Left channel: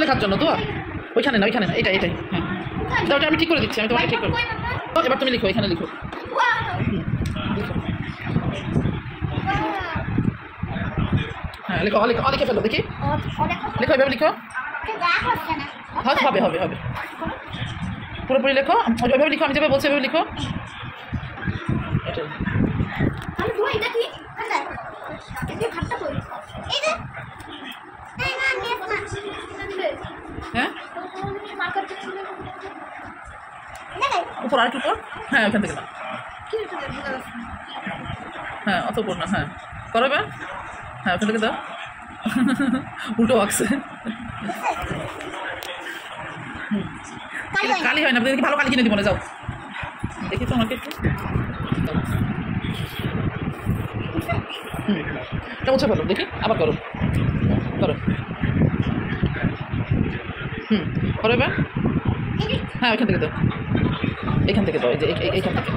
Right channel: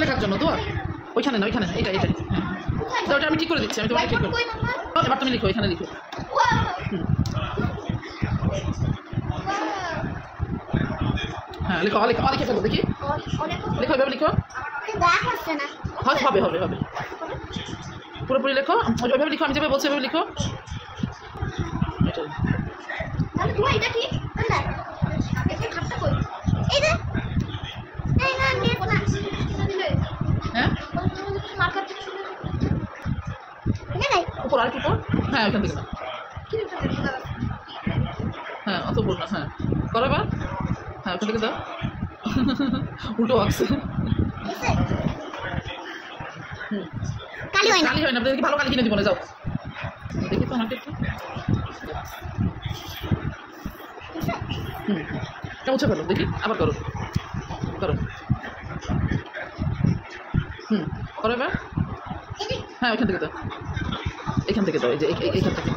লেখার জন্য তো ওইখানে না ওইখানে না এটা এটাই হ্যাঁ ওটা আমি ঠিক করে দিচ্ছি আমি তোমাকে ঠিক করে এবার তুমি লিখো এখানে লিখো হ্যাঁ লিখো লিখো লিখে ফেলো দেখি লিখো এভাবে লিখো হবে হবে হবে পুরোপুরি লেখো ওইভাবে লিখো আমি যেভাবে বলছি এভাবে লিখো হ্যাঁ উপর আর একটু উপর হ্যাঁ ওখান থেকে না হ্যাঁ অত উপর না হ্যাঁ করো এবার হ্যাঁ ওখান থেকে দাও উল্টো আঁকছে কালি হয় না আপনাদেরকে ভালো কালি কিনে দিব না যাও দেখি তো আমাকে একটু এটা মুছে ফেলো দেখি আবার করো করো করো এবার হ্যাঁ ওইখান থেকে দাও এইখান থেকে দাও এই যে এইখান থেকে